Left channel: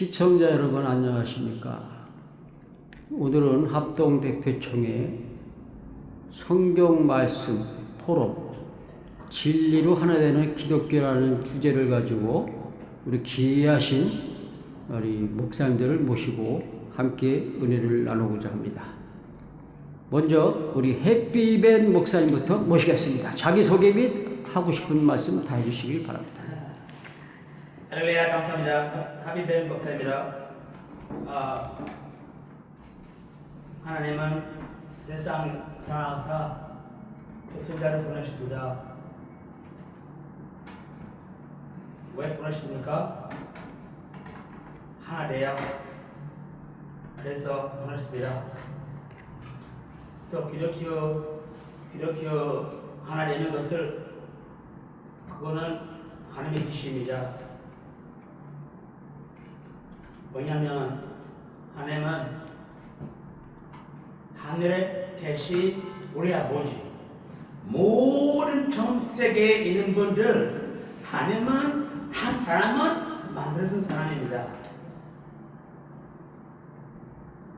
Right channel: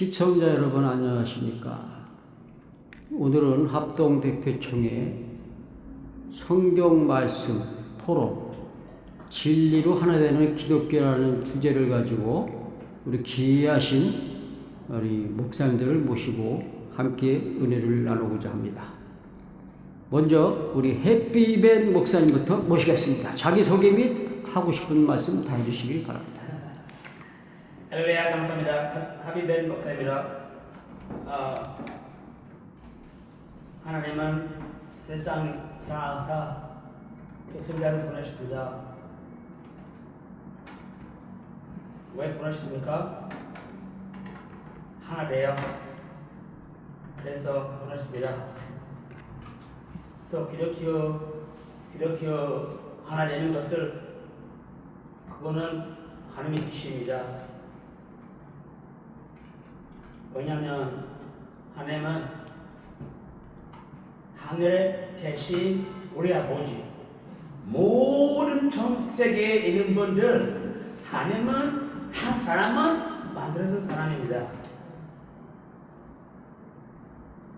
시청자 여러분 안녕하십니까? 오늘은 합동대표총회 성경 말씀 포럼 진리로 하나 되는 기독교라는 주제를 가지고 우리 귀하신 우리 목사님들을 모시고 함께 은혜를 나누고자 합니다. 먼저 우리 햇비벤 목사님부터 모시겠습니다. 자기소개 및 하고 싶은 말씀 다 해주시길 바랍니다. 할렐루야, 감사합니다. 하비벤 목사입니다. 하나님은 세상 사랑하사 독생자를 보내셨습니다. 왜 보내셨습니까? 하나 되어 그래서 보내셨습니다. 또 기독교 하나 되는 것을 그거는 하나님의 뜻입니다. 왜냐하면 하나님은 하늘에 계신 우리 아버지, 모든 전 세계에 있는 분들, 하나님은 한 사람은 만들어준 사람입니다.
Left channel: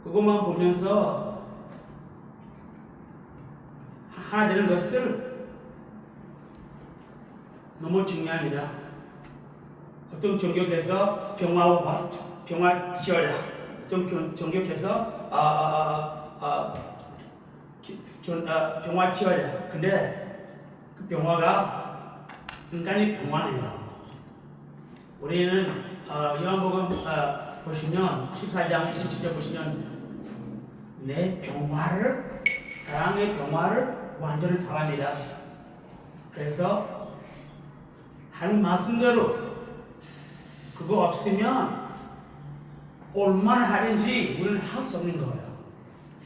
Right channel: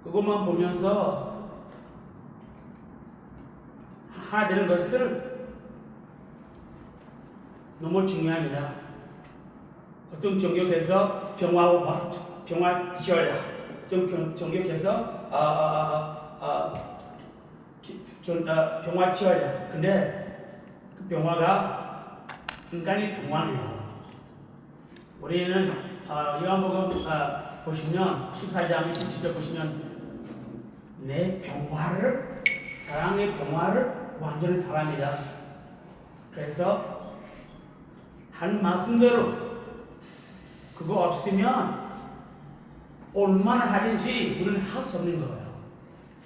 그것만 보면서 하나 되는 것을 너무 중요합니다. 어떤 종교에서 평화 지어라. 어떤 종교에서 평화 지어라. 근데 그 평화가 인간의 평화네요. 우리는 요한복음 보시면 14장 27절 보시면 내 평화를, 사랑의 평화를 완전히 바랍니다. 그래서 하는 말씀대로 그거 없으면 얼마나 하든지 우리는 할 수 없는 거예요.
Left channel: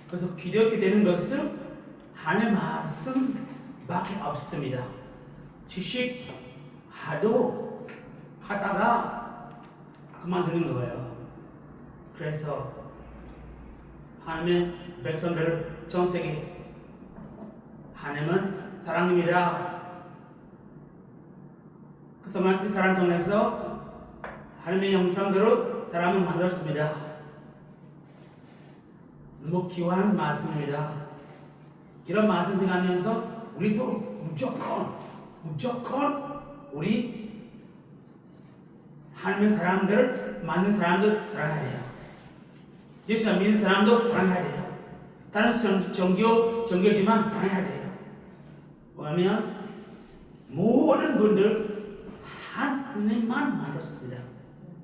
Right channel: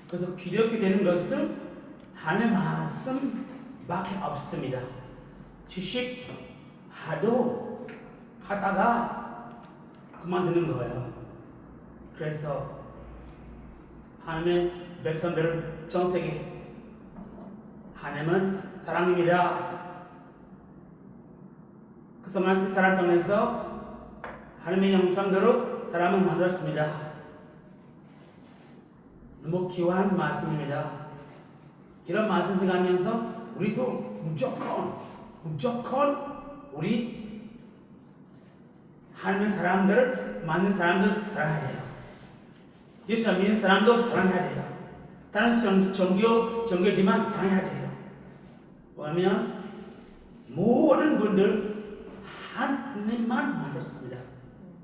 그래서 기독교 되는 것은 하나님의 말씀밖에 없습니다. 지식 하다가 그만두는 거예요. 그래서 하나님의 백성들을 전 세계 하나님은 사랑입니다. 그 사람 통해서 하나님의 형상대로 사람을 만들었습니다. 너무 귀한 말씀입니다. 이런 말씀 생각하면서 우리도 무조건 우리 하나님의 사람들을 만든 사람들 사랑해야 돼요. 예수 믿는 사람도 사랑해야 돼요. 다른 종교지만 사랑해야 돼요. 왜냐하면 모든 분들 하나님만 만들었습니다.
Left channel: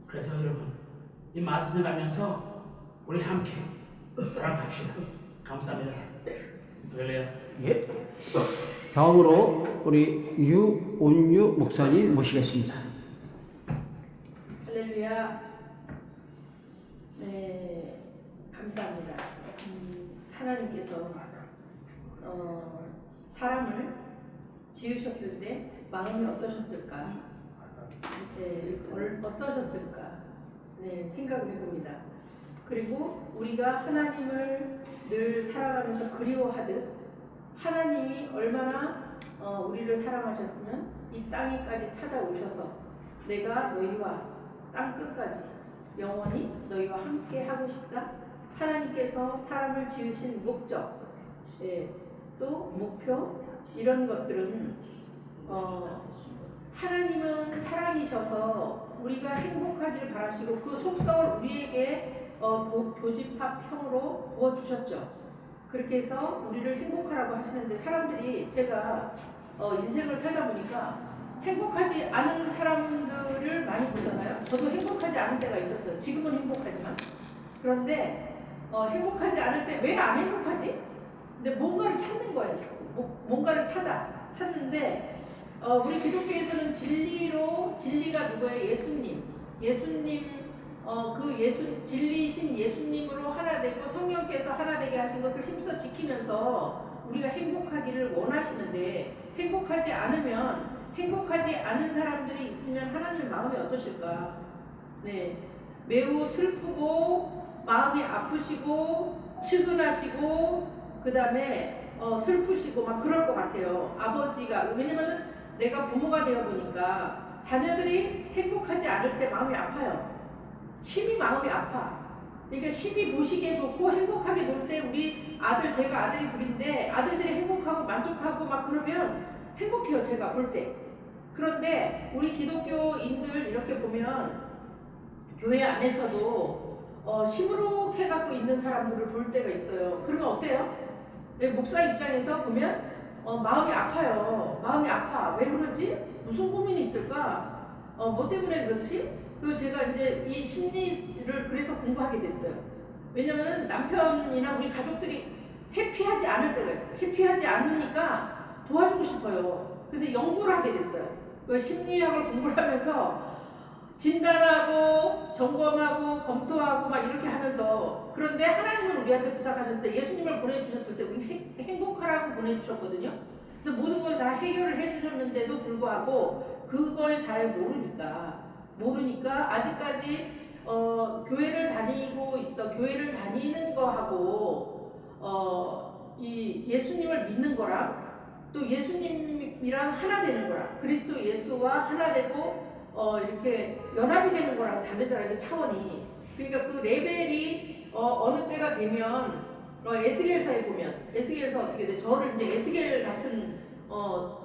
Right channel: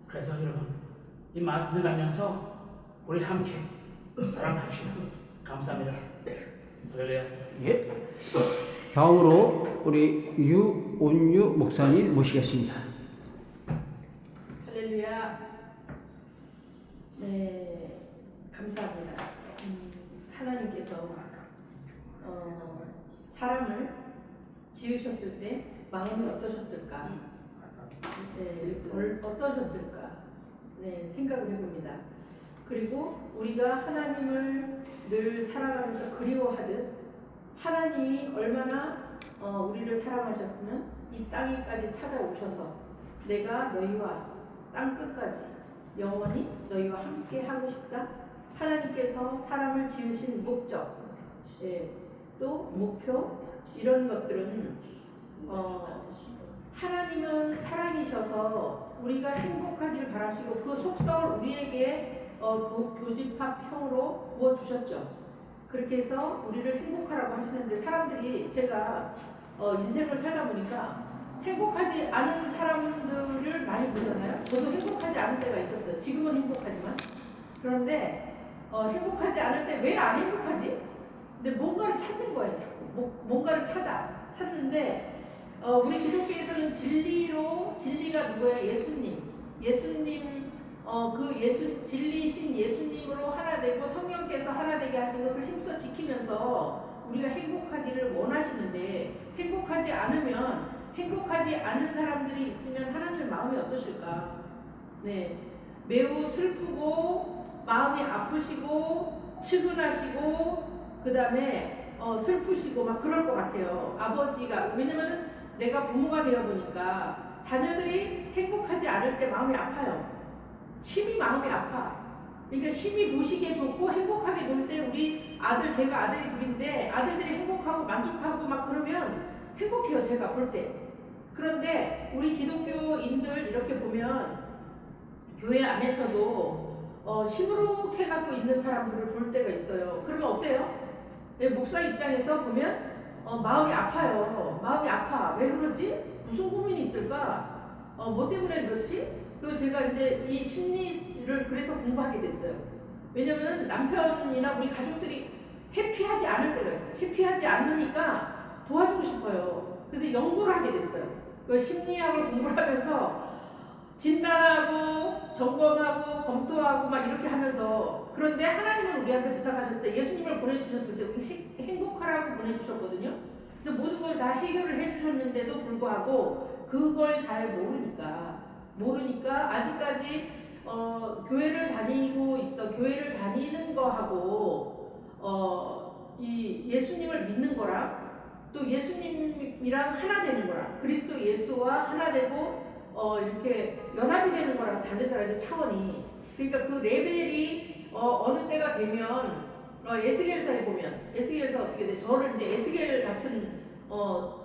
그래서 여러분 이 말씀을 가면서 우리 함께 사랑합시다. 감사합니다. 할렐루야. 예. 다음으로 우리 유온유 목사님 모시겠습니다. 할렐루야. 네, 감사합니다. 하나님께서 사람을 지으셨을 때 마음이 어떠셨을까? 네, 어떠셨을까? 네, 생각을 해봅니다. 그리고 우리가 하나님을 늘 살아가면서 그리워하듯 하나님이 얼마나 우리를 사랑하셨으면 이 땅에까지 찾아오셔서 내가 너희와 땅 끝까지 영원히 너희와 함께 하고 싶다. 하나님께서 사람을 지으신 목적, 또 목표, 이런 것들은 하나님은 사랑이셔서 우리가 행복하기를 바라시고 그 속성을 우리에게 교집합형으로 부어주셨죠. 그렇게 해서 우리를 행복하라고 하시는데 사람들이 제가 인생을 살다 보니까 행복하지 않은 사람들을 많이 보잖아요. 저도 행복하지 않을 때가 있었어요. 지금은 행복하지만. 그런데 행복하지 않을 때 왜 안 행복하지? 근데 뭔가를 찾는 거예요. 자꾸 뭔가를 찾는데 우리 기독교에서는 진리가 누구예요? 예수님 진리신 예수님으로 하나 되고 성령께서 하나 되게 하신 것을 힘써 지키면서 우리가 행복하기를 원하시는데 행복하지 않은 사람들이 있으면 하나님의 마음이 어떠실까? 네, 매우 슬프고 마음이 아프시고 측은하시고 그 다음에 슬프시고 막 그럴 것 같아요. 아버지가 왜냐면은 내가 부모가 되어 보니까 자녀들이 행복하지 않을 때 마음이 아파요. 심히 마음이 아파. 그러니까 심히 보시기에 좋고 행복하게 놀 때 우리 아들, 제가 아들이 둘인데 아들들이 행복하고 만족하고 막 그러면 행복해요. 제가 볼 때. 그런데 우리 기독교인들 이렇게 보면 교회 안에서도 시무룩해 갖고 있는 사람들을 볼 때가 있어요. 그러면 어때요? 목사 입장에서 보면 마음이 아파요. 마음이 아파. 왜 그러지? 무슨 고민이 있을까? 뭐 때문에 그렇지? 그리고 제가 이제 이 심리를 그래서 공부하게 됐어요. 왜냐면은 남편이나 우리 가족들이 해피하지 않을 때가 있어요. 해피하지 않으니까 도와주고 싶어요. 그래서 연구를 하게 됐어요. 그 심리학을 공부를 하면서 진단하고 점검하고 검토하고 막 이렇게 하면서, 그런데 하나님은 우리한테 부탁하셨을 때, 예수님을 보내주셨을 때 우리는 행복하라고 보내주셨거든요. 그래서 모든 걸 다 해결을 해주셨는데도 불구하고 그걸 잘 모르니까 아직까지 교회를 다니고 있어. 교회를 다니는 거하고 이 예수님을 믿는 거랑 또 예수님이랑 하나 되는 거랑 그리스도 예수와 하나 되고 이렇게 연합이 되는 거랑 다르잖아요. 그 차원이. 그러니까 그 레벨이 어느 때가 되면 에스겔서에 보면 에스겔서 어떻게 돼? 저를 이제 에스겔 같은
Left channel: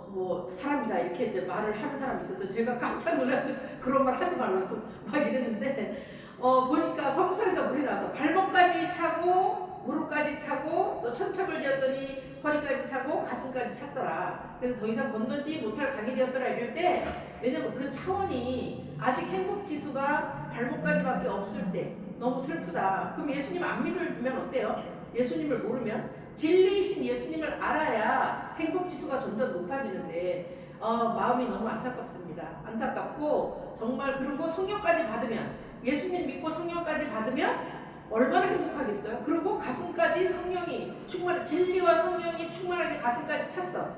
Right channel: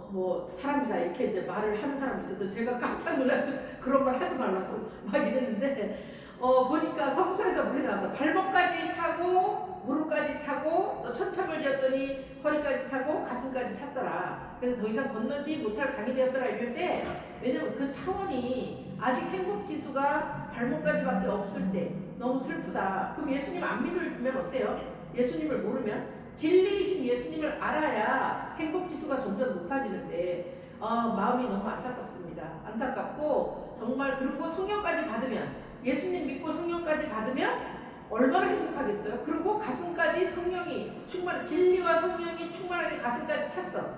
뭐 사람이다 이렇게 이제 말을 하는 사람이 있어서 제가 깜짝 놀라서 그런 말 하지 말라고 막 이랬는데 보니까 성소에서 물이 나와서 발목까지 차고 무릎까지 차고 또 천착을 지었더니 허리까지 차고 가슴까지 찼더라. 그래서 더 이상 건너지 못할 강이 되었더라 이럴 때, 왜냐면 그 차원이 아직 행복 지수가 발목까지밖에 없을 때 너무 슬프다. 그럼 예수님 안 믿으면 어때요? 예수님을 모르면 진리이신 예수님을 알아야 행복 지수가 점점 높아지는데 마음이 너무 안타깝습니다. 안타깝고 정말. 그리고 성령까지 받으면, 예수님 믿고 성령까지 받으면 얼마나 행복하겠어요? 그리고 가슴까지 성령이 진리와 성령이 충만하게 가슴까지 찼어.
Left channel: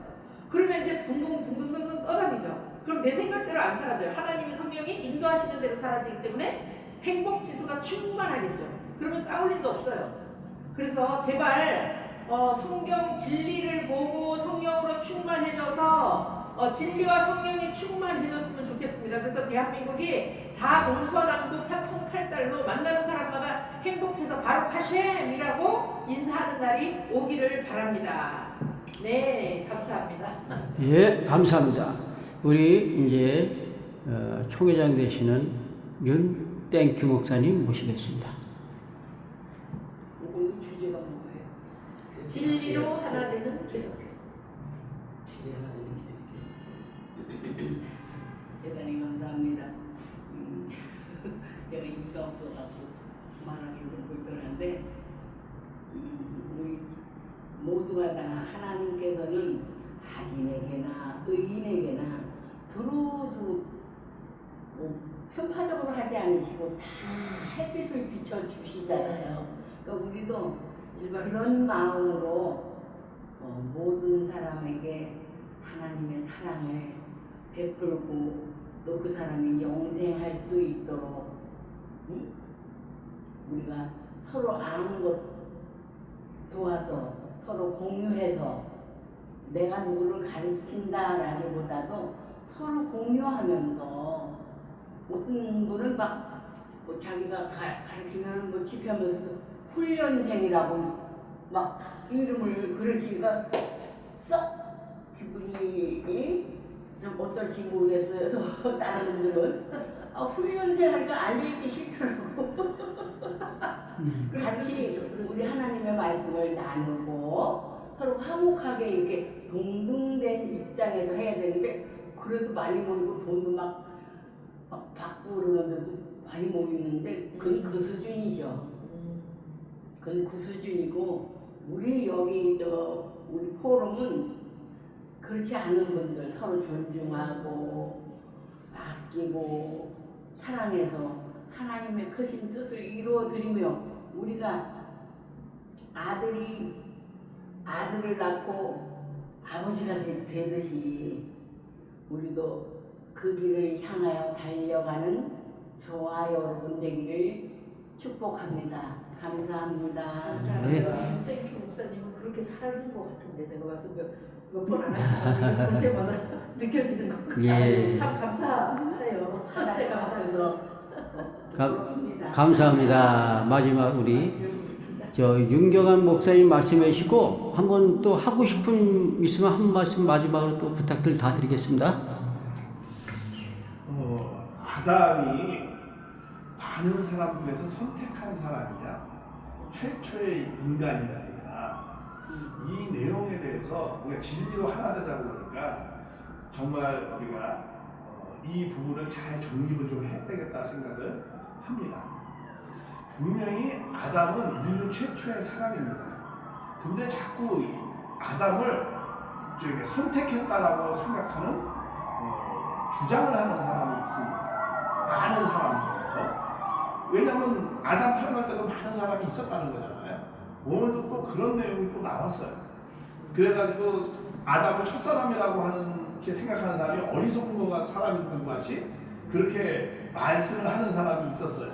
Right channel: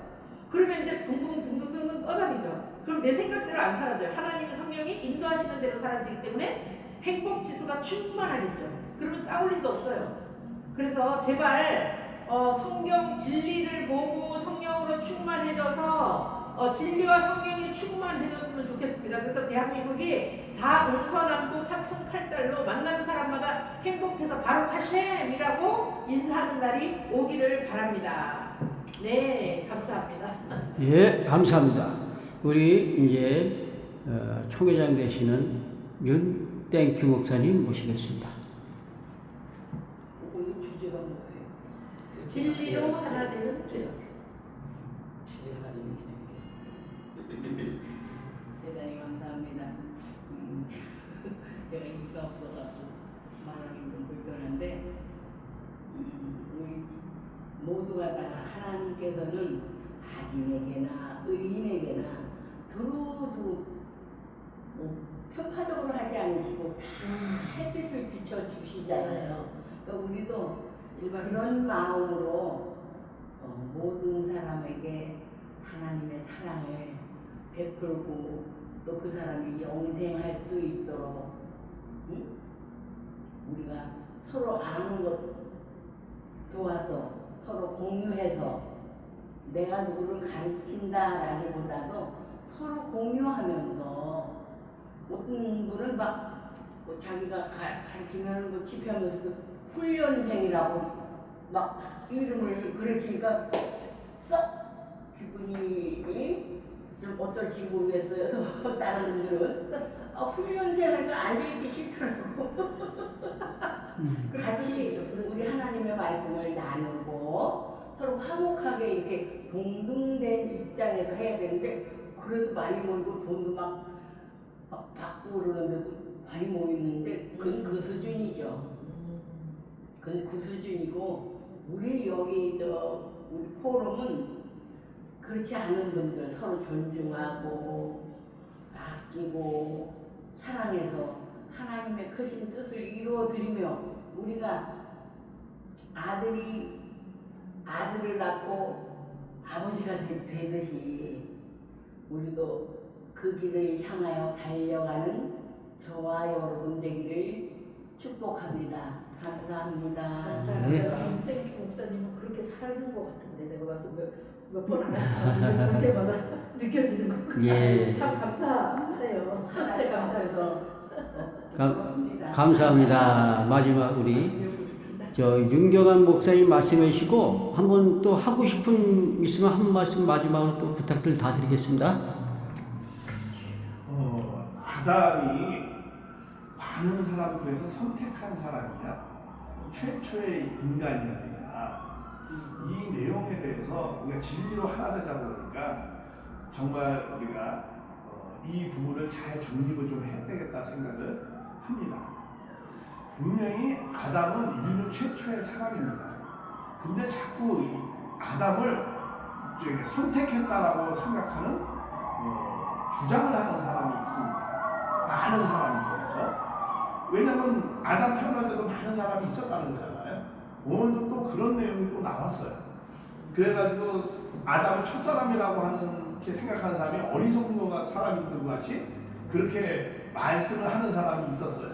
그러면 이제 붕붕 둥둥둥둥 떠다니죠. 그럼 내 생각대로 안 사라져요. 하나님의 성령이 인도하시는 대로 사라지기 때문에 행복 지수가 충만하겠죠. 그러면 싸울 일도 없어요. 그래서 제발 성경 진리를 보고 성령으로 충만해져서 진리와 성령이 충만해졌으면 좋겠습니다. 그래서 대한민국이 다 동서남북 사통팔달로 만나는 사람마다 행복해서 바룩 하셴이라고 인사하는 날이 오기를 바랍니다. 네, 감사합니다. 예, 감사합니다. 우리 이제 총회장 되시는 윤땡큐 목사님 모시겠습니다. 오늘 주제가 뭐예요? 진리로 하나 되는 기독교. 진리 하나 되는 기독교. 대단히 감사합니다. 제가 이가 없어갖고 말하기 좀 불편한데, 우리 모두가 다 하나님께서는 악인에게나 의인에게나 두루두 뭐 편파적으로 하지 않으시고 다 햇빛을 비춰 주시잖아요. 그러니까 우리도 그런 마음으로 모든 사람에게 하나님의 사랑을 베풀고 또 그 사람이 영생할 수 있도록 우리가 서로 아는 것 도와서 서로 공유해서, 내가 누구를 가르친다라기보다도 서로 공유하면서, 어떤 분은 막 뭐 자기가 가르치면 뭐 집회하면서도 훈련생이라고 막 이름을 그러시니까 썩 기분이 좀 어쩔지 모르겠어요. 그래서 다른 분들은 훈련생 하니까 앉아있기 싫더라고. 같이 우리 하나님의 말씀을 나누고 서로 화목하게 이렇게 동등된 입장에서 해야 되는데, 그래도 많이 모이고 돈도 막 받고 그러는데도 많이 모이는데 그건 그 수준이죠. 그건 그 수준이고, 우리 여기 우리 포럼은 그렇지 않은 분들 서로 존중하고 아끼고 사랑해서 하나님의 크신 뜻을 이루어드리며, 우리가 아들을 낳고 아버지가 되듯이 우리도 그 길을 향하여 달려가는 저와 여러분 되기를 축복합니다. 감사합니다. 감사합니다. 땡큐 목사님은 그렇게 사는 것 같은데, 내가 봐서 몇 번 안 하시면 볼 때마다 느껴지는 것 같아요. 예. 참 감사해요. 하나님 감사해서. 앞에서 부끄럽습니다. 감사합니다. 마지막 우리 배우고 있습니다. 저 윤경환 목사님 말씀해 주시고 한번 또 하고 싶은 있으면 한 말씀 마지막으로 또 부탁들 다 드리겠습니다. 아담이 많은 사람 중에서 선택한 사람이냐, 최초의 인간이었느냐, 이 내용에 대해서 우리가 진리로 하나 되자고 그러니까 정말 우리가 이 부분을 잘 정립을 좀 해야 되겠다 생각을 합니다. 분명히 아담은 인류 최초의 사람입니다. 근데 자꾸 이 아담을 선택했다라고 생각하는 주장을 하는 사람이 있습니다. 많은 사람 중에서. 왜냐하면 아담 태어날 때도 많은 사람이 있었다는 거잖아요. 오늘도 또 그런 내용이 또 나왔어요. 그래가지고 아담을 첫사람이라고 하는 게 생각하는 사람이 어리석은 사람인 것 같이 그렇게 말씀을 하는 사람이 있었어요.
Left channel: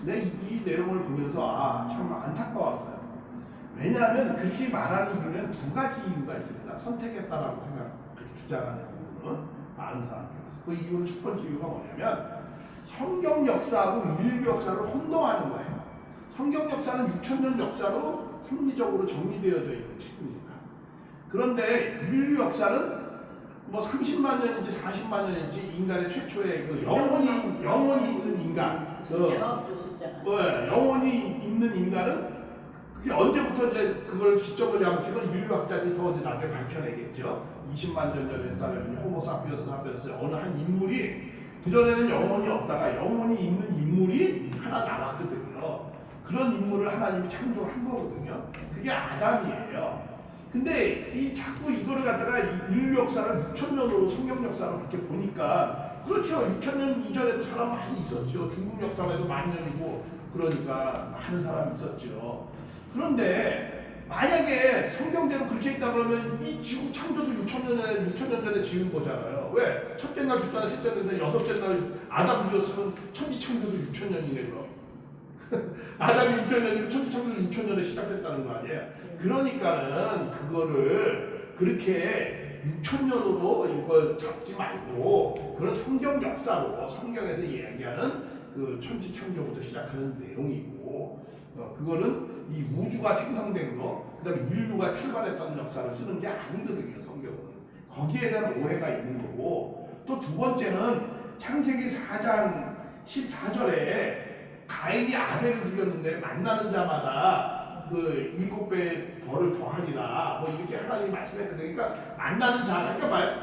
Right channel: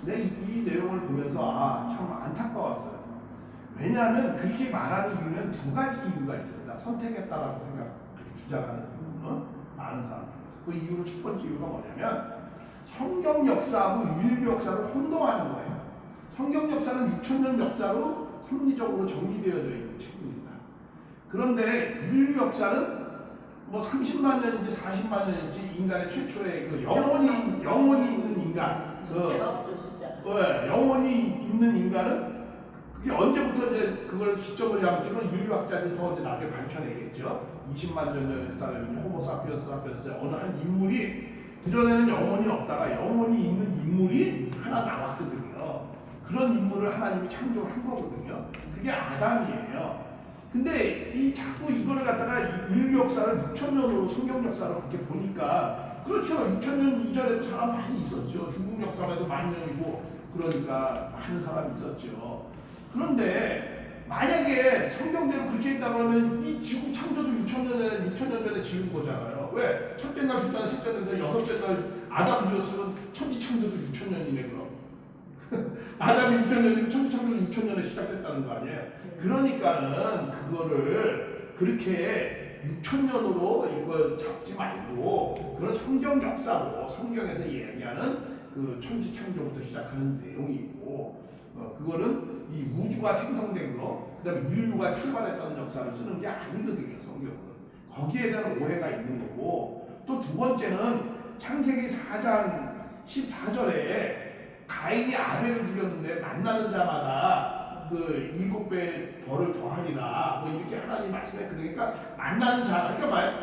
근데 이 내용을 보면서 참 안타까웠어요. 왜냐하면 그렇게 말하는 이유는 두 가지 이유가 있습니다. 선택했다라고 그렇게 주장하는 부분은 많은 사람 중에서. 그 이유는 첫 번째 이유가 뭐냐면 성경 역사하고 인류 역사를 혼동하는 거예요. 성경 역사는 6,000년 역사로 섭리적으로 정리되어져 있는 책입니다. 그런데 인류 역사는 뭐 30만 년인지 40만 년인지 인간의 최초의 그 영혼이 있는 인간, 숫자가 없죠, 숫자가. 영혼이 있는 인간은 그게 언제부터 이제 그걸 기점을 잡을지 건 인류학자들이 더 이제 나중에 밝혀내겠죠. 20만 년 전의 사람인 호모사피언스 어느 한 인물이 그전에는 영혼이 없다가 영혼이 있는 인물이 하나 나왔거든요. 그런 인물을 하나님이 창조한 거거든요. 그게 아담이에요. 근데 자꾸 이거를 갖다가 인류 역사를 6,000년으로 성경 역사로 그렇게 보니까 그렇죠. 6,000년 이전에도 사람 많이 있었죠. 중국 역사만 해도 10,000년이고 그러니까 많은 사람이 있었죠. 그런데 만약에 성경대로 그렇게 했다 그러면 이 지구 창조도 6,000년 전에 지은 거잖아요. 왜? 첫째 날, 둘째 날, 셋째 날, 여섯째 날 아담 지었으면 천지 창조도 6,000년이네 그럼. 아담이 6,000년이면 천지 창조도 6,000년에 시작됐다는 거 아니에요? 그러니까는 그거를 그렇게 6,000년으로 이걸 잡지 말고 그런 성경 역사로 성경에서 이야기하는 그 천지 창조부터 시작하는 내용이고 그거는 이 우주가 생성된 거, 그 다음에 인류가 출발했던 역사를 쓰는 게 아니거든요, 성경은. 거기에 대한 오해가 있는 거고, 또 두 번째는 창세기 4장 14절에 가인이 아벨을 죽였는데 만나는 자마다 그 7배의 벌을 더하리라, 뭐 이렇게 하나님이 말씀했거든요. 그러니까 만나는 자, 그러니까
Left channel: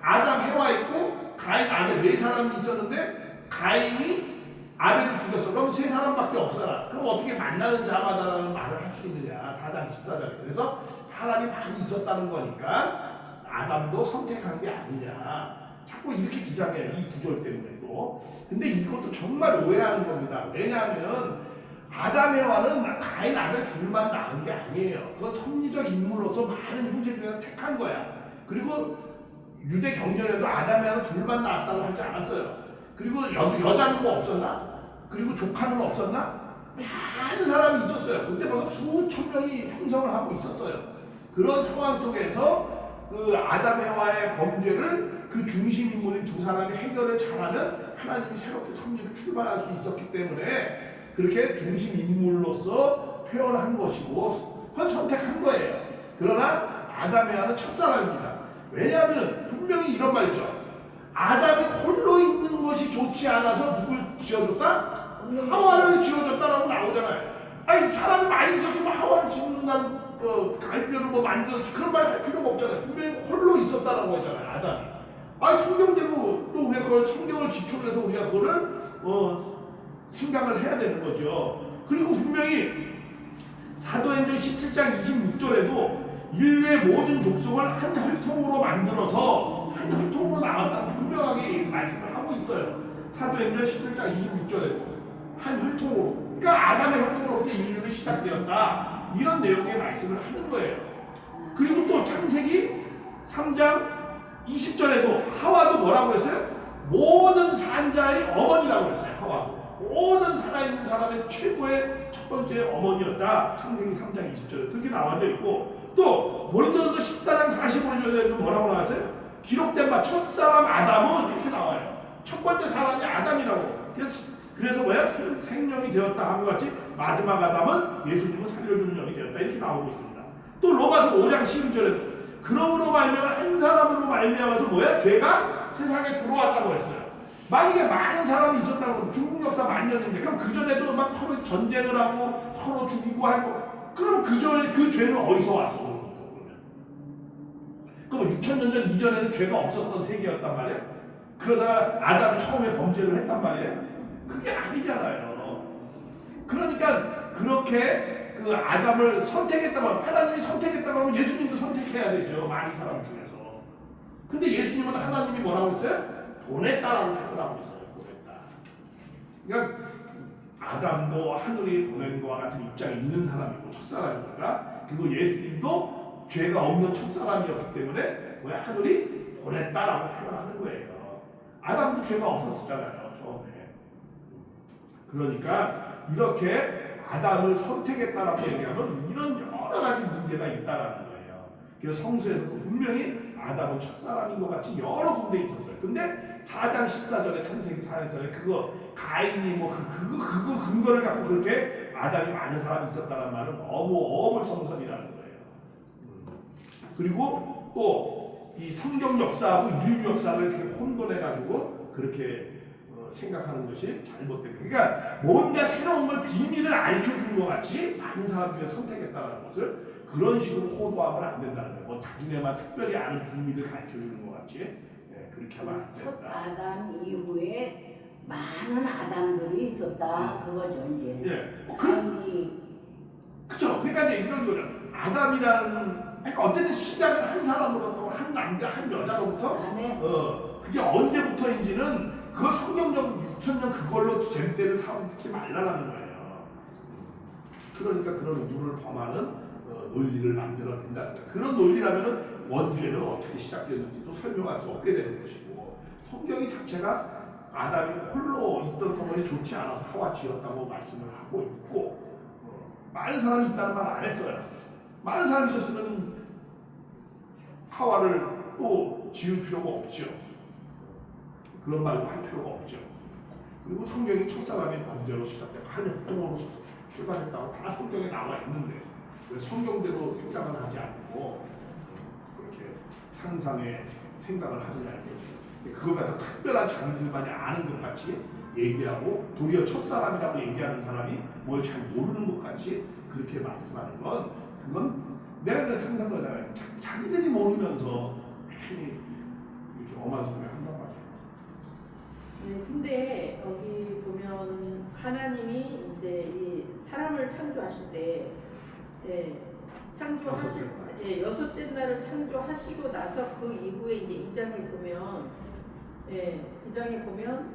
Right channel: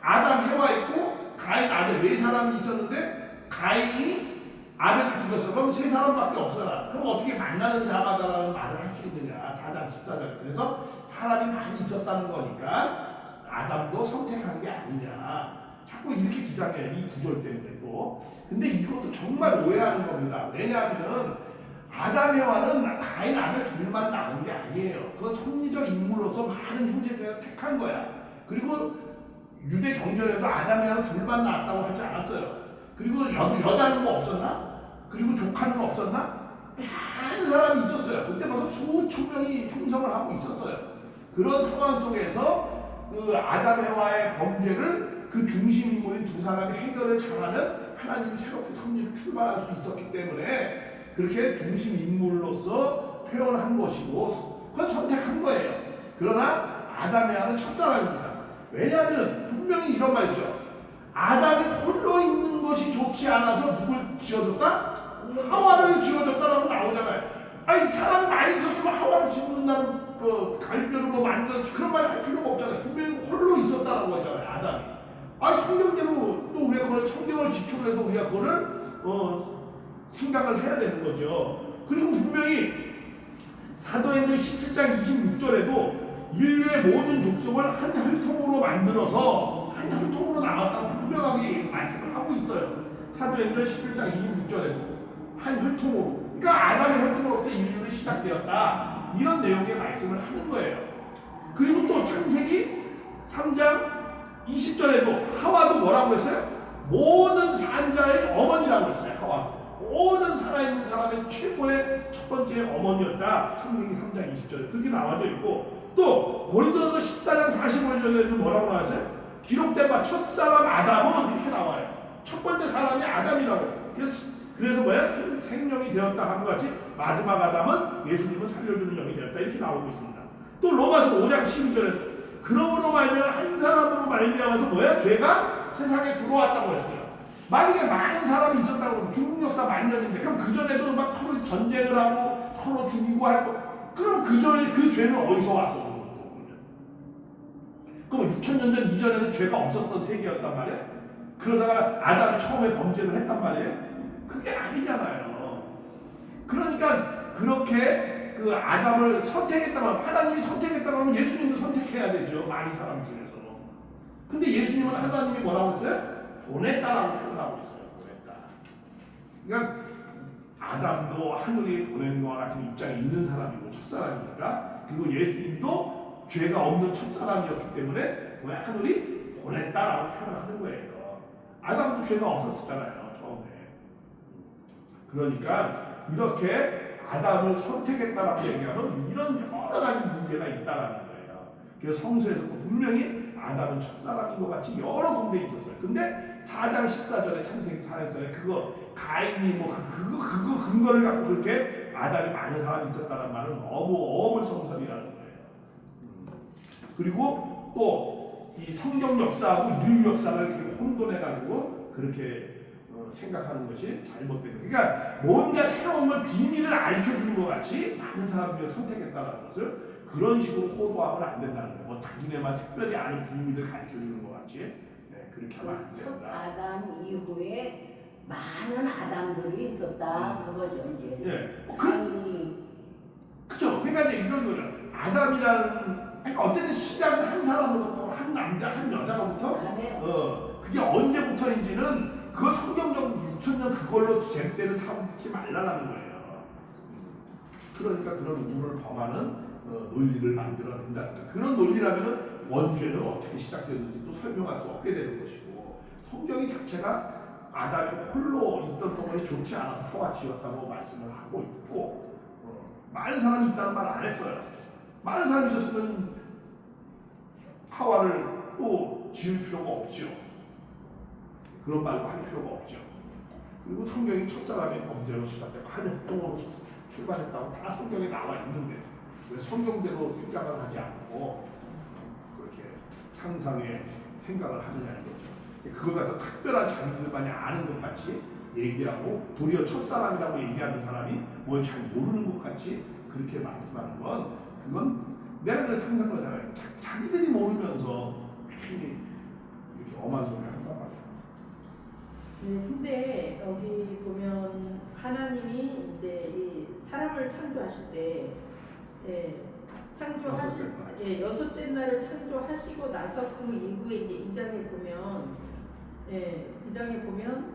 아담, 해와 있고 가인, 아벨 네 사람이 있었는데 가인이 아벨을 죽였어. 그럼 세 사람밖에 없어라. 그럼 어떻게 만나는 자마다라는 말을 할 수 있느냐. 4장 14절에. 그래서 사람이 많이 있었다는 거니까 아담도 선택한 게 아니냐. 자꾸 이렇게 주장해요. 이 구절 때문에 또. 근데 이것도 정말 오해하는 겁니다. 왜냐하면은 아담, 해와는 가인, 아벨 둘만 낳은 게 아니에요. 그건 섭리적 인물로서 많은 형제 중에 택한 거야. 그리고 유대 경전에도 아담, 해와는 둘만 낳았다고 하지 않았어요. 그리고 여자는 뭐 없었나? 그리고 조카는 없었나? 많은 사람이 있었어요. 그때 벌써 수천 명이 형성을 하고 있었어요. 그런 상황 속에서 그 아담, 해와의 범죄를 그 중심 인물인 두 사람이 해결을 잘하면 하나님이 새롭게 섭리를 출발할 수 있었기 때문에 그렇게 중심 인물로서 표현한 것이고 그건 선택한 거예요. 그러나 아담, 해와는 첫사람입니다. 왜냐하면 분명히 이런 말 있죠. 아담이 홀로 있는 것이 좋지 않아서 누굴 지어줬다? 하와를 지어줬다라고 나오잖아요. 아니 사람이 많이 있었으면 하와를 짓는다는 갈비뼈를 뭐 만들었지 그런 말 할 필요가 없잖아요. 분명히 홀로 있었다라고 했잖아요. 아담이. 아니 성경대로 또 우리가 그걸 성경을 기초로 해서 우리가 그거를 생각을 해야 되는 거죠. 그리고 분명히 사도행전 17장 26절에도 인류의 모든 족속을 한 혈통으로 만들어서 한 혈통으로 나왔다고 분명하게 말씀을 하고 있어요. 사도행전 17장 26절에도 한 혈통으로. 그러니까 아담의 혈통으로부터 인류는 시작되었다. 이런 내용의 말씀을 하는 거예요. 그리고 또 창세기 3장 20절에도 하와도 뭐라고 했어요? 모든 산자의 어머니라고 했어요. 하와도. 모든 살아있는 사람의 최고의 첫 번째 어머니였다. 창세기 3장 20절에 그렇게 나와져 있고 또 고린도서 14장 45절에도 뭐라고 나왔어요? 기록된 바 첫사람 아담은 이렇게 나와요. 첫 번째 사람이 아담이라고. 그래서 뭐야? 생명이 되었다 함과 같이 마지막 아담은 예수님은 살려주는 영이 되었다 이렇게 나오고 있습니다. 또 로마서 5장 12절에도 그러므로 말미암아 한 사람으로 말미암아서 뭐야? 죄가 세상에 들어왔다고 했어요. 만약에 많은 사람이 있었다고 그러면 중국 역사 만년인데 그럼 그 전에도 막 서로 전쟁을 하고 서로 죽이고 하고 그럼 그 전에 그 죄는 어디서 왔어 그럼 또 그러면 6,000년 전 이전에는 죄가 없었던 세계였단 말이야? 그러다가 아담이 처음에 범죄를 했단 말이에요? 그게 아니잖아요. 그러니까 그렇게 그 아담을 선택했다고 하면 하나님이 선택했다고 하면 예수님도 선택해야 되죠. 많은 사람 중에서. 근데 예수님은 하나님이 뭐라고 했어요? 보냈다라고 표현하고 있어요. 보냈다. 그러니까 아담도 하늘이 보낸 것과 같은 입장에 있는 사람이고 첫사람이니까 그리고 예수님도 죄가 없는 첫사람이었기 때문에 왜 하늘이 보냈다라고 표현하는 거예요. 아담도 죄가 없었잖아요. 처음에. 그러니까 이렇게 아담을 선택했다라고 얘기하면 이런 여러 가지 문제가 있다라는 거예요. 그래서 성서에서도 분명히 아담은 첫사람인 것 같이 여러 군데 있었어요. 근데 4장 14절에 창세기 4장에 그거 가인이 뭐 그거 근거를 갖고 그렇게 아담이 많은 사람이 있었다는 말은 너무 어물성설이라는 거예요. 그리고 또 이 성경 역사하고 인류 역사를 이렇게 혼돈해가지고 그렇게 생각하는 것이 잘못된 거예요. 그러니까 뭔가 새로운 걸 비밀을 알려주는 것 같이 많은 사람 중에 선택했다는 것을 그런 식으로 호도하면 안 된다는 거예요. 뭐 자기네만 특별히 아는 비밀을 가르쳐주는 것 같이 네, 그렇게 하면 안 첫 된다. 아담 이후에 많은 아담들이 있었다 그거죠 이제. 예, 뭐 가인이 그죠. 그러니까 이제 이런 거죠. 아담이라는 그러니까 어쨌든 시작은 한 사람으로부터 한 남자 한 여자로부터 안에 그게 언제부터인지는 그거 성경적 6,000년 그걸로 잼대를 삼지 말라라는 거예요. 그러니까 그런 우를 범하는 논리를 만들어낸다는 거예요. 그런 논리라면은 원죄는 어떻게 시작되는지 또 설명할 수 없게 되는 것이고 성경이 자체가 아담이 홀로 있었던 것이 좋지 않아서 하와 지었다고 말씀을 하고 있고 많은 사람이 있다는 말 안 했어요. 많은 사람이 있었으면 하와를 또 지을 필요가 없죠. 그런 말도 할 필요가 없죠. 그리고 성경이 첫사람의 범죄로 시작되고 한 혈통으로 출발했다고 다 성경에 나와 있는데 왜 성경대로 생각을 하지 않고 그렇게 상상의 생각을 하느냐 이거죠. 그걸 갖다 특별한 자기들만이 아는 것 같이 얘기하고 도리어 첫사람이라고 얘기하는 사람이 뭘 잘 모르는 것 같이 그렇게 말씀하는 건 그건 내가 그래서 상상을 하잖아요. 자기들이 모르면서 괜히 이렇게 엄한 소리를 한단 말이에요. 네, 근데 여기 보면 하나님이 이제 이 사람을 창조하실 때, 여섯째 날을 창조하시고 나서 그 이후에 이제 2장에 보면, 2장에 보면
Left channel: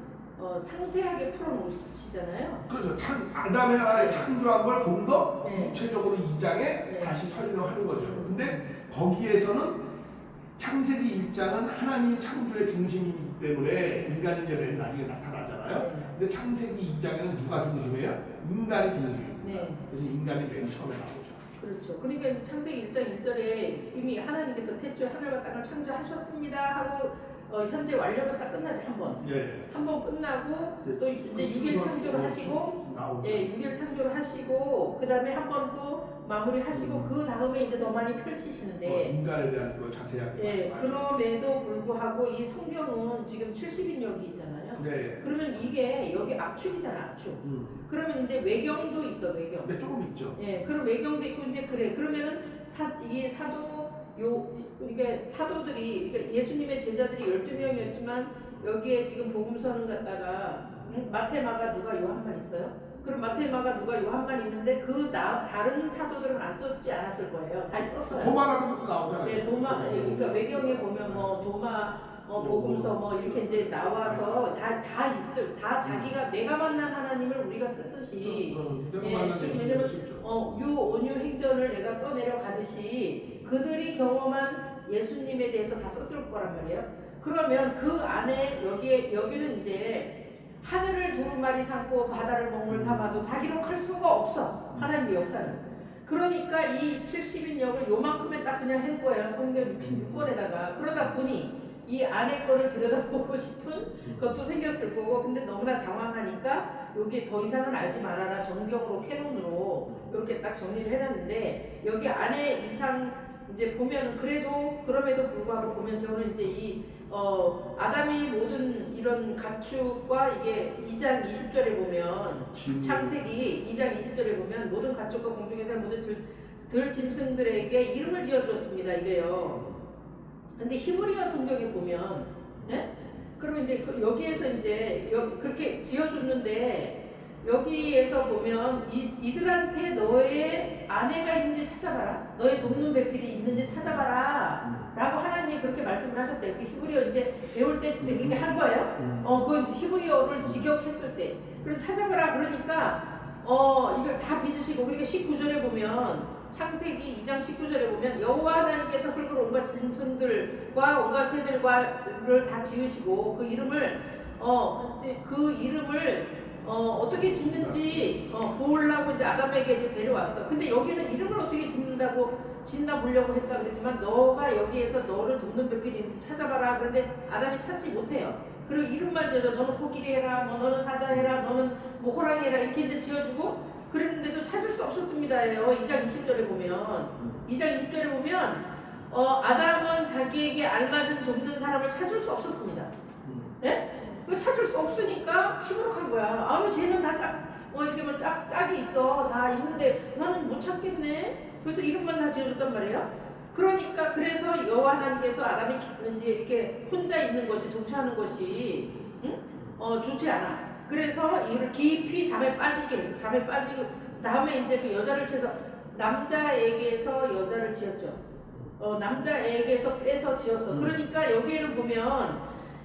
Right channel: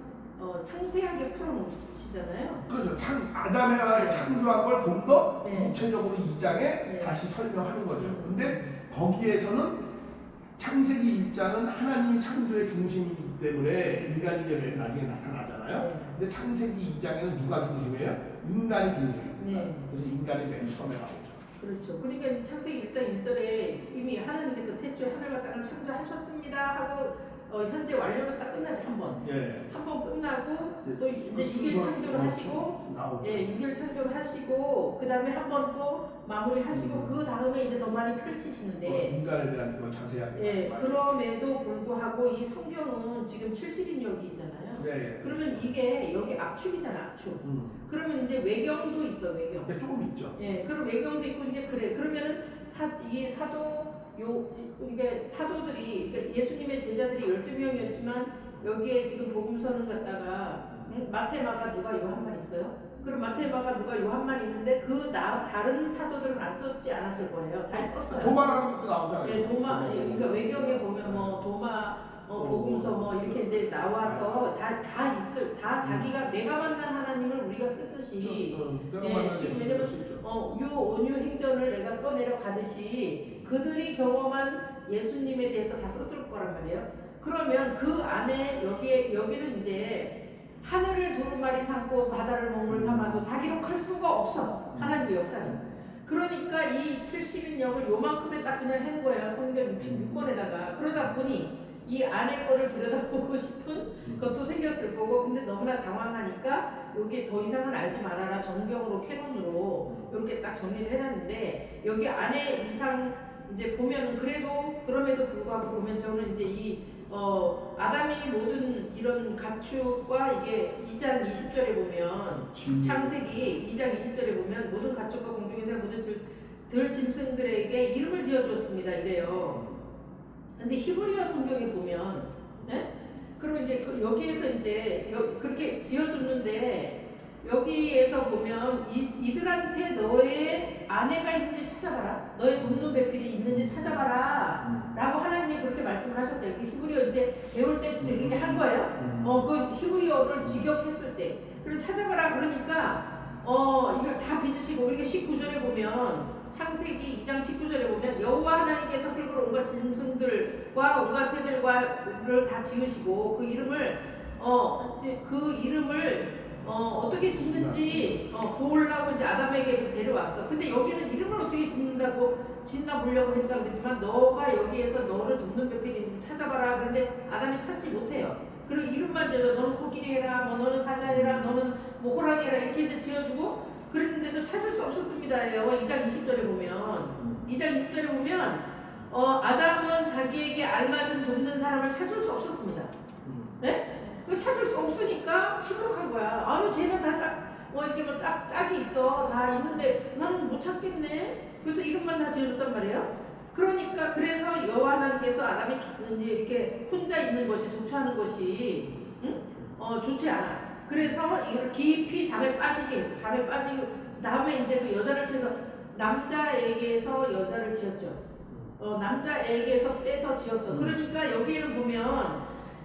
상세하게 풀어놓으시잖아요. 그렇죠. 아담의 하나에 창조한 걸 좀 더 네. 구체적으로 2장에 다시 설명하는 거죠. 근데 거기에서는 창세기 1장은 하나님이 창조의 중심이기 때문에 인간이 이제 맨 나중에 나타나잖아요. 네. 근데 창세기 2장에는 누가 중심이에요? 인간이 중심입니다. 네. 그래서 인간이 맨 처음에 나오죠. 그렇죠. 그러니까 이제 창세기 1장 1절에 이미 하나님께서 태초에 하늘과 땅을 창조하셨습니다 하고 현재 완료로 딱 끝나지 한 번. 예. 한 번 끝나고 예. 또 이제 6일 창조를 하시고 나오죠. 6일 창조를 하시고 그 다음에 한 번 또 마무리하시고 그 다음에 이제 더 많이 펼치시는데 인간에 대한 걸 자세하게 말씀하시죠. 그럼에도 불구하고 이 성경은 지금 70인역이잖아요. 네. 그러면 이게 여기 압축이잖아, 압축. 그러면 이제 외경도 있어, 외경. 근데 조금 있죠. 그럼 외경도 있고 이제 그래. 그러면은 이게 이게 사도들이 그러니까 예수님의 제자들이 12명이었지만 여기에 지금 복음서는 갖다가 마태, 마가, 누가, 요한만 있어요. 그럼 마태, 마가, 누가, 요한만 있는데 다른 사도들은 안 썼지 않았을 거예요. 다 썼어요. 도마라는 것도 나오잖아요. 네, 그러니까 외경에 보면 뭐 도마, 복음서 뭐 이렇게 이제 나와서 다 자기가 내가 만난 하나님을 우리가 쓰듯이 지금 왜냐면 유온유 행전을 내가 써내려 가듯이 그들이 경험한 예수님에 대해서 다 썼을 거란 말이에요. 그러면 그 안에 여기는 이제 하늘을 두루마리 삼고 바다를 먹물 삼아도 다 기록할 수가 없어. 하나님의 역사는. 그러니까 이 70인역을 요만큼에 딱 그냥 해놓은 거예요. 성경 66권에다가. 그러다 보니 이 안에 거를 들여다보고 싶은 것도 생겼을 거고 근데 너무나 장황하니까 여기 더 이상은 알지 말아라 정경으로 캐논으로 이렇게 딱 정리를 해놨는데 여기 안에 이상 이제 보면은 그래도 그럼에도 불구하고 보면 저는 이제 이 아담이 모든 이런 가축과 이게 2장 20절에 보면 창세기 2장 20절에 보면 모든 가축과 공중에서 모든 들 짐승들에게 이름을 지어 주었습니다 이래요. 근데 히브리어 성경에 보면 예? 그러면 이제 여기에서 이제 그렇게 지어줬는데 여기에서 보면 이들한테 너의 아내가 있는지 찾아봐라. 너의 돕는 배필이 있는지 찾아봐라. 라고 하나님이 그렇게 말씀을 하셨대요. 그 히브리어 이제 배울 때 그렇게 한 거예요. 그거 이제 히브리어를 직역했을 때. 그리고 찾아봐라 그러니까 이걸 다 빚으시고 우리가 19절에 보면 창세기 2장 19절에 보면 여호와 하나님께서 흙으로 온갖 짐승들과 온갖 새들과를 다 지으시고 그 이름을 어떻게 짓는지 보려고 이제 아담에게 데려왔어. 근데 여기는 이름을 어떻게 짓나 보려고 했다 그러지만 너가 여기에서 너를 돕는 배필이 있는지 찾아봐라. 그런데 아담이 찾지 못해요. 그리고 이름만 지어줘. 너는 코끼리 해라, 뭐 너는 사자 해라, 너는 뭐 호랑이 해라 이렇게 이제 지어주고 그랬는데도 찾을 수 없었습니다예요. 2장 20절에 보면 2장 20절에 보면 아담은 자기에게 알맞은 돕는 사람을 찾을 수 없었습니다. 네? 그 찾을 수 없으니까 시무룩한 거야. 아유 쟤는 다 이렇게 뭐 짝이 있어. 다 있는데 나는 못 찾겠네. 그래서 이름만 다 지어줬단 말이에요. 그러니까 그래서 여호와 하나님께서 아담이 이제 이렇게 혼자 있는 것이 독처하는 것이 좋지 않아. 그래서 이를 깊이 잠에 빠지게 했어. 잠에 빠지고 다음에 이제 그 여자를 채서 남자에게서 여자를 지었죠. 남자에게서 빼서 지었어. 그러니까 여기에는 보면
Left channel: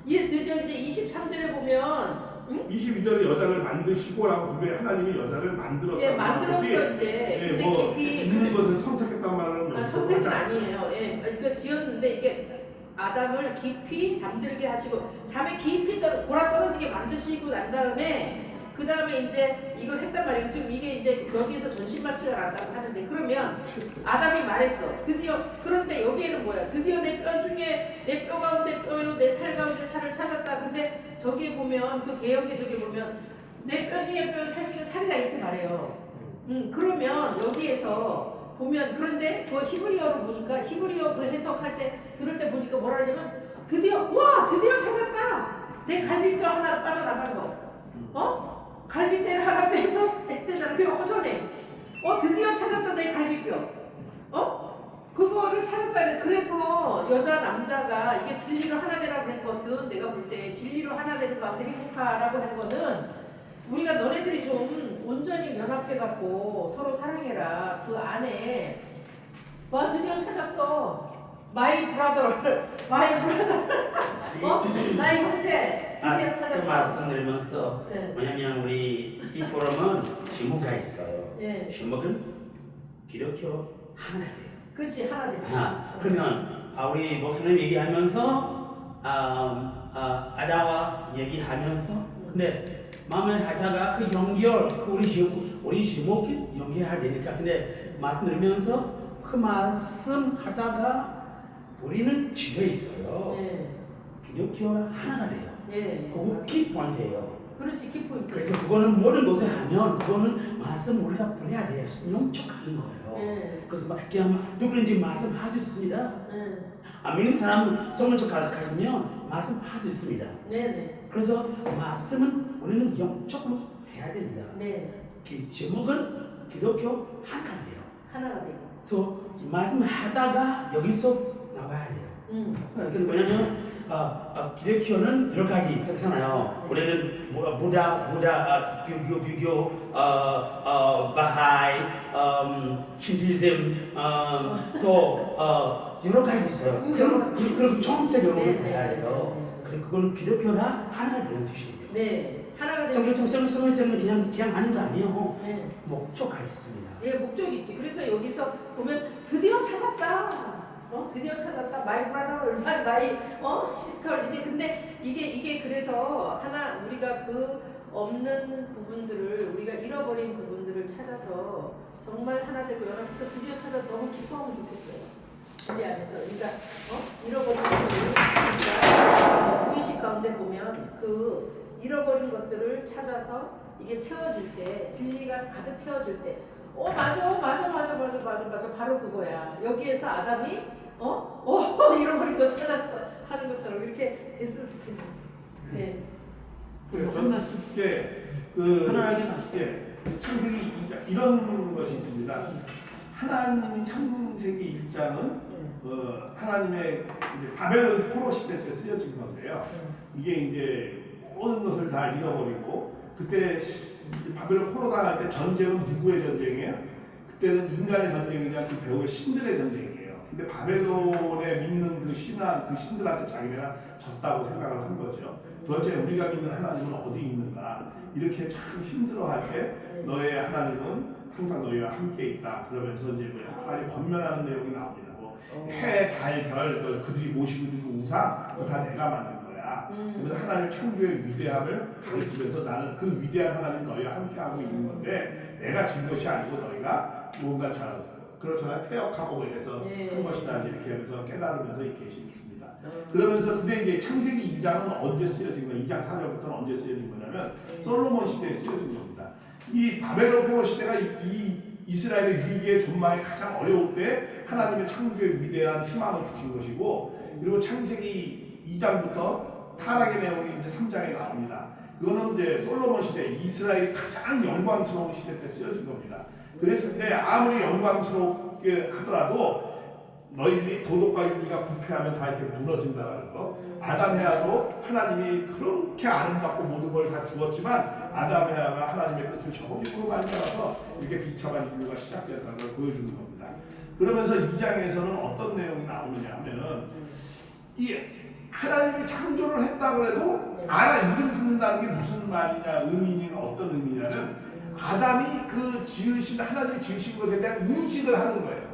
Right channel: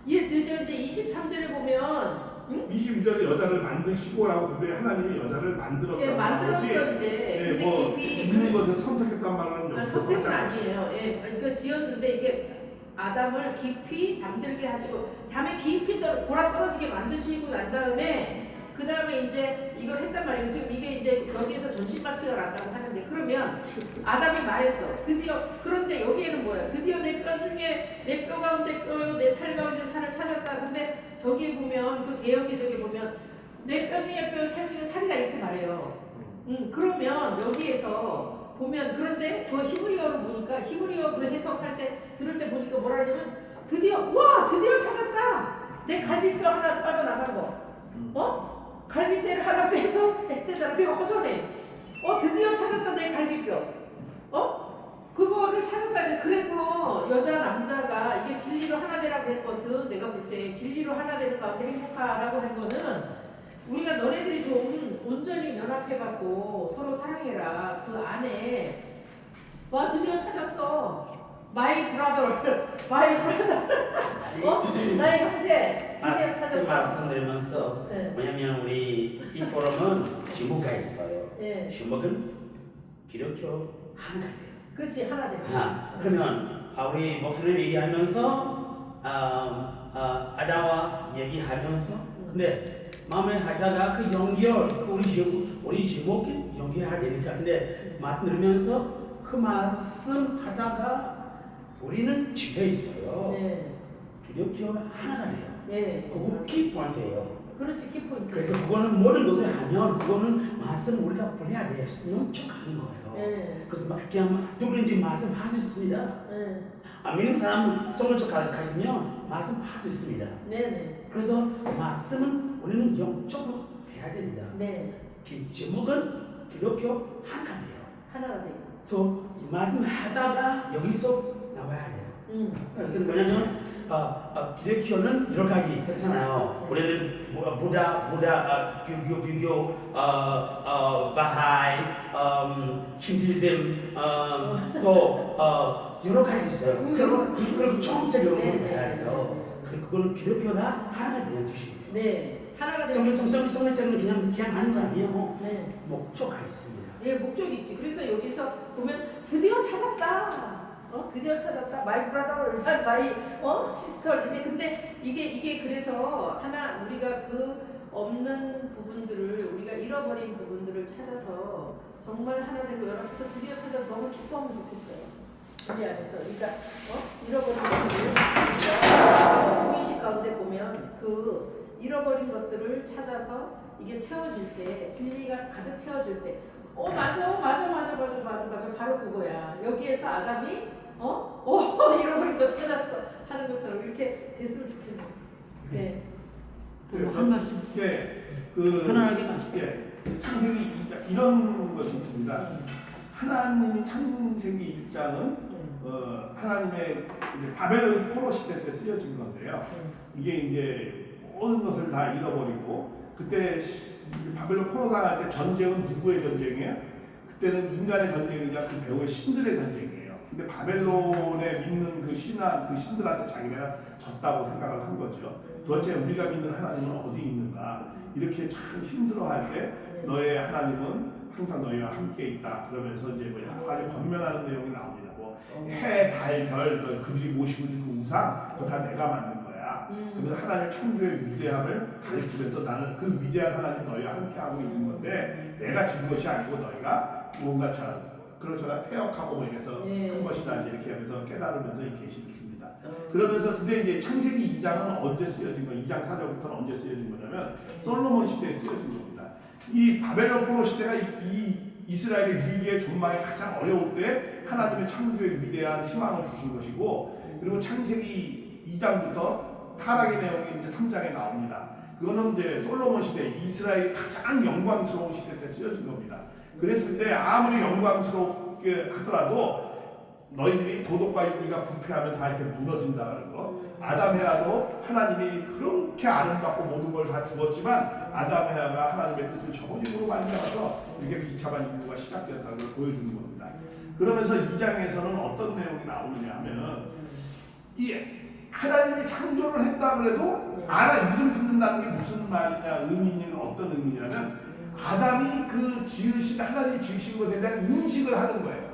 이게 드디어 이제 23절에 보면 22절에 여자를 만드시고라고 분명히 하나님이 여자를 만들었다고 예, 만들었어 나오지. 이제. 예, 근데 뭐 깊이 있는 것은 선택했단 말은 여기서 선택은 하지 않았어요. 아니에요. 예, 그러니까 지었는데 이게 아담을 깊이 잠들게 하시고 잠에 깊이 골아 떨어지게 만드시고 난 다음에 그 다음에 이제 이걸 했단 말이에요. 지금 이게 이제 여기에서 전신마취가 났다고 하는데 그러면 아담이 말했어. 드디어 그런데 여기에는 뭐야? 드디어 내 뼈 중에 내 뼈 가운데 뼈요 내 살 가운데 살을 찾았다. 근데 저기에 보면 그 개혁기 저기 보면 내 뼈 중에 뼈 살 중에 살이다 이렇게 말해요. 그러면 여기에서 보면 그런데 그 히브리어로 보니까 히브리어 그 해석할 때 들을 때 보니까 뭐라 그러냐면 드디어 찾았다. 내 갈비뼈 하나 빠져나간 거. 갈비뼈를 하나 빼서 했대잖아. 그게 허전해. 드디어 찾았다 내 갈비뼈. 그거를 찾았다. 그래서 여자 남자가 이게 진리로 하나 되라 그런 것은 내가 볼 때 진리로 하나 되는 가운데 행복하라고 한 거는 우리가 너네들이 좀 온전히 연합해갖고 서로 사랑해라. 그 안에 와 드디어 찾았어. 마이 브라더. 나의 형제 드디어 그 찾았어. 말씀드리면서 네. 뭐냐면 우리 이 포럼은 제목가 있어요. 네. 제목은 기독교 하나가 돼요. 그렇지 하나 되고. 그러면 우리 목사님 얘기하면서 아담과 얘기하면서 근데 마음에 하자가 그 연결 우리 제목이 연결해야 되니까 근데 말씀 들으면서 그 말씀 하다가 우리는 지켜 있어요. 네. 기독교가 하나가 돼요. 네. 그거 맞아. 키포인트예요. 그렇지 키포인트. 그래서 그거는 모든 것을 하면 그거는 말씀 우리가 보내야 돼요. 영적하는 거예요. 네. 그래서 그냥 누구든지 말씀할 수 있습니다. 네. 안 믿는 사람 성령적 가지면 말씀할 수 있습니다. 네네. 그래서 말씀은 우리는 영적으로 해야 됩니다. 네. 제목은 기독교 하나가 돼요. 하나가 되기. 그래서 이 말씀 하다가 여기서 나와야 돼요. 그러니까 뭐냐면 기독교는 여러 가지 있잖아요. 네. 우리는 부다, 비교, 바하이, 신티즘, 또 여러 가지 있어요. 그리고 청세교로 봐야 돼요. 그거는 기독교가 하나가 되는 뜻이에요. 네. 하나가 되기. 성경은 그냥 하는 거 아니에요. 네. 목적가 있습니다. 예, 목적이 있지. 그래서 여기서 보면 드디어 찾았다. 드디어 찾았다. 마이 브라더, 마이 시스터이네. 근데 이게 그래서 하나 우리가 그 없는 부분들을 우리가 잃어버린 부분들을 찾아서 정말 하나 되고 연합해서 드디어 찾아 너무 기뻐하면 좋겠어요. 진리 안에서. 그러니까 잃어버린 것들을 우리가 무의식 가운데 보면 그 잃어버린 것들을 찾아서 이게 채워질 때, 진리가 가득 채워질 때, 맞아 바로 그거야. 여기에서 아담이 잃어버린 거 찾았어 하는 것처럼 이렇게 됐으면 좋겠네요. 네. 한 말씀 편안하게 말씀. 창세기 2장 이런 것이 있습니다. 하나님이 창세기 1장은 하나님의 이제 바벨론 포로 시대 때 쓰여진 건데요. 이게 이제 모든 것을 다 잃어버리고 그때 이제 바벨론 포로 당할 때 전쟁은 누구의 전쟁이에요? 그때는 인간의 전쟁이냐 그 배후의 신들의 전쟁이에요. 근데 바벨론에 믿는 그 신들한테 자기네가 졌다고 생각을 한 거죠. 도대체 우리가 믿는 하나님은 어디 있는가? 이렇게 참 힘들어할 때 너의 하나님은 항상 너희와 함께 있다. 그러면서 이제 뭐 여러 가지 권면하는 내용이 나옵니다. 뭐 해, 달, 별, 그들이 모시고 있는 그 우상, 그거 다 내가 만든 거야. 그래서 하나님 창조의 위대함을 가르치면서 나는 그 위대한 하나님 너희와 함께 하고 있는 건데 내가 진 것이 아니고 너희가 뭔가 잘 그렇잖아요. 폐역하고 뭐 이래서 한 것이다. 이렇게 하면서 깨달으면서 이 계시를 줍니다. 그러면서 근데 이제 창세기 2장은 언제 쓰여진 거예요? 2장 4절부터는 언제 쓰여진 거냐면 솔로몬 시대에 쓰여진 겁니다. 이 바벨론 포로 시대가 이 이스라엘의 위기의 존망이 가장 어려울 때 하나님의 창조의 위대한 희망을 주신 것이고 그리고 창세기 2장부터 타락의 내용이 이제 3장에 나옵니다. 그거는 이제 솔로몬 시대 이스라엘이 가장 영광스러운 시대 때 쓰여진 겁니다. 그랬을 때 아무리 영광스럽게 하더라도 너희들이 도덕과 윤리가 부패하면 다 이렇게 무너진다라는 거. 아담 헤아도 하나님이 그렇게 아름답고 모든 걸 다 주었지만 아담 헤아가 하나님의 뜻을 저버림으로 말미암아서 이렇게 비참한 인류가 시작되었다는 걸 보여주는 겁니다. 그러면서 2장에서는 어떤 내용이 나오느냐 하면은 이 하나님이 창조를 했다 그래도 이름 짓는다는 게 무슨 말이냐 의미는 어떤 의미냐는 아담이 그 지으신 하나님이 지으신 것에 대한 인식을 하는 거예요.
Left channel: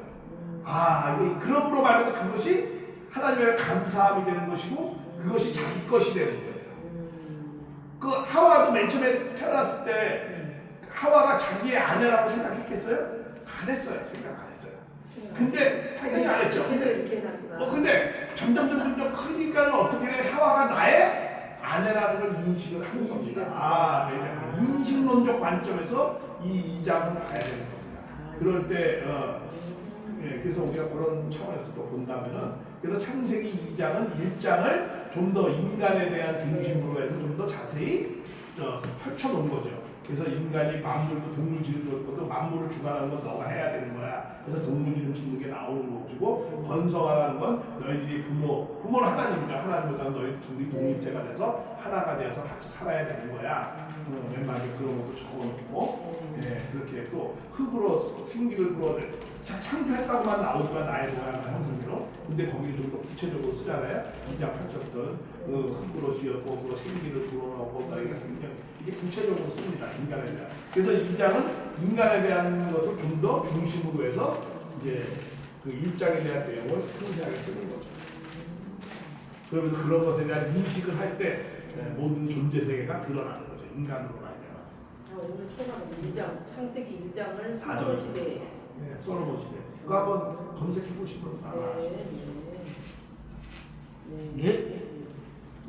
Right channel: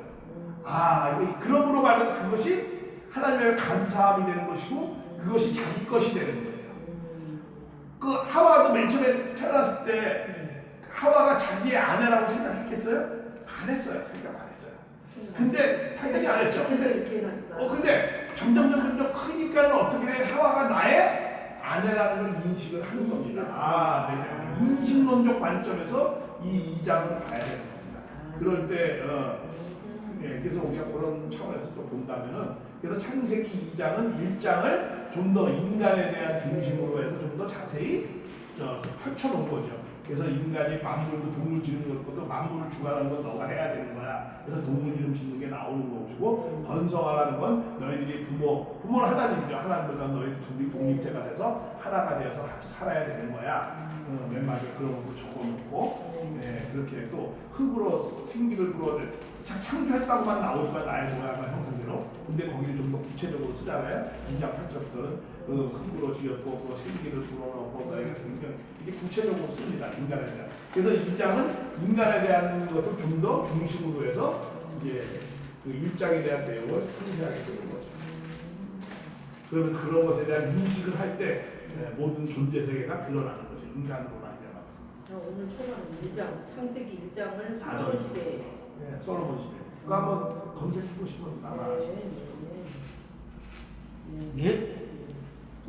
이거 그러므로 말해서 그것이 하나님의 감사함이 되는 것이고 그것이 자기 것이 되는 거예요. 그 하와도 맨 처음에 태어났을 때 하와가 자기의 아내라고 생각했겠어요? 안 했어요. 생각 안 했어요. 근데 당연히 안 했죠. 근데 점점 크니까는 어떻게 해? 하와가 나의 아내라는 걸 인식을 하는 겁니다. 인식론적 관점에서 이 2장은 봐야 되는 겁니다. 그럴 때 그래서 우리가 그런 차원에서 또 본다면은 그래서 창세기 2장은 1장을 좀 더 인간에 대한 중심으로 해서 좀 더 자세히 펼쳐놓은 거죠. 그래서 인간이 만물도 동물 지는 것도 만물을 주관하는 건 너가 해야 되는 거야. 그래서 동물 이름 짓는 게 나오는 것이고 번성하라는 건 너희들이 부모는 하나님이죠. 하나님보다 너희 둘이 독립체가 돼서 하나가 되어서 같이 살아야 되는 거야. 맨 마지막에 그런 것도 적어놓고 그렇게 또 흙으로 생기를 불어들 창조했다고만 나오지만 나의 모양과 형상대로. 근데 거기를 좀 더 구체적으로 쓰잖아요. 2장 8절부터는 흙으로 지었고 그거 생기를 불어넣고 너희가 생명 이게 구체적으로 씁니다. 인간에 대한. 그래서 2장은 인간에 대한 것을 좀 더 중심으로 해서 이제 그 1장에 대한 내용을 상세하게 쓰는 거죠. 그러면서 그런 것에 대한 인식을 할 때 모든 존재 세계가 드러나는 거죠. 인간으로 말미암아. 오늘 초반에 2장 창세기 2장을 솔로몬 시대에 솔로몬 시대. 그거 한번 검색해 보시면 아마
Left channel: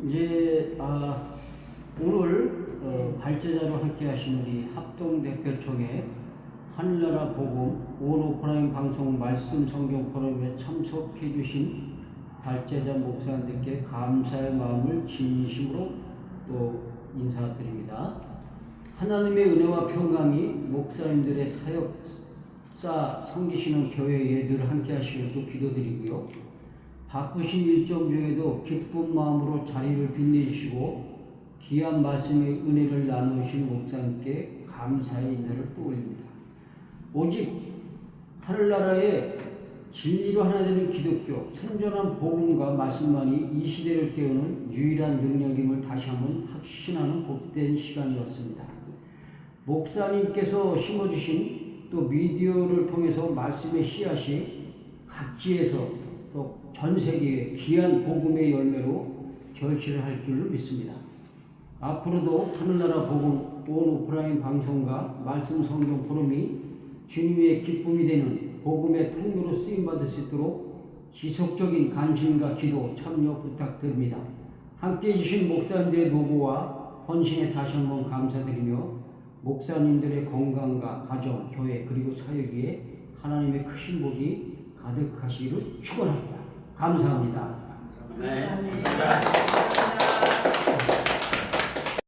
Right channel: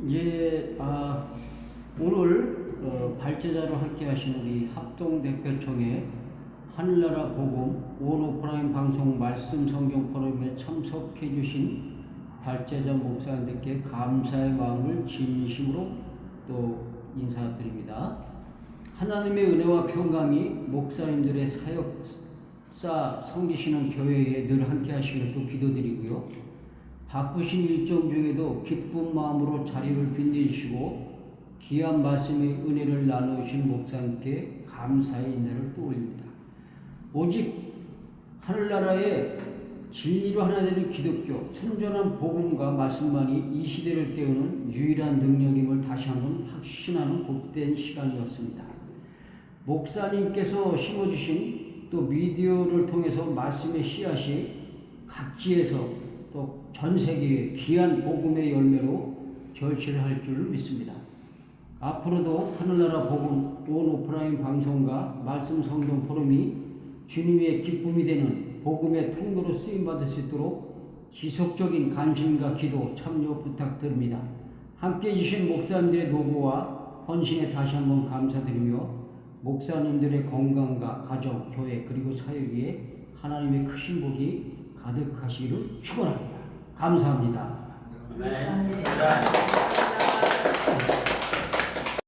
이제 오늘 발제자로 함께 하신 우리 합동대표총회 하늘나라 복음 온오프라인 방송 말씀 성경 포럼에 참석해 주신 발제자 목사님들께 감사의 마음을 진심으로 또 인사드립니다. 하나님의 은혜와 평강이 목사님들의 사역사 섬기시는 교회에 늘 함께 하시기를 또 기도드리고요. 바쁘신 일정 중에도 기쁜 마음으로 자리를 빛내주시고 귀한 말씀의 은혜를 나누신 목사님께 감사의 인사를 또 올립니다. 오직 하늘나라의 진리로 하나 되는 기독교, 순전한 복음과 말씀만이 이 시대를 깨우는 유일한 능력임을 다시 한번 확신하는 복된 시간이었습니다. 목사님께서 심어주신 또 미디어를 통해서 말씀의 씨앗이 각지에서 또 전 세계에 귀한 복음의 열매로 결실을 할 줄 믿습니다. 앞으로도 하늘나라 복음 온오프라인 방송과 말씀 성경 포럼이 주님의 기쁨이 되는 복음의 통로로 쓰임받을 수 있도록 지속적인 관심과 기도 참여 부탁드립니다. 함께해 주신 목사님들의 노고와 헌신에 다시 한번 감사드리며 목사님들의 건강과 가정, 교회 그리고 사역에 하나님의 크신 복이 가득하시기를 축원합니다. 감사합니다. 아멘. 감사합니다.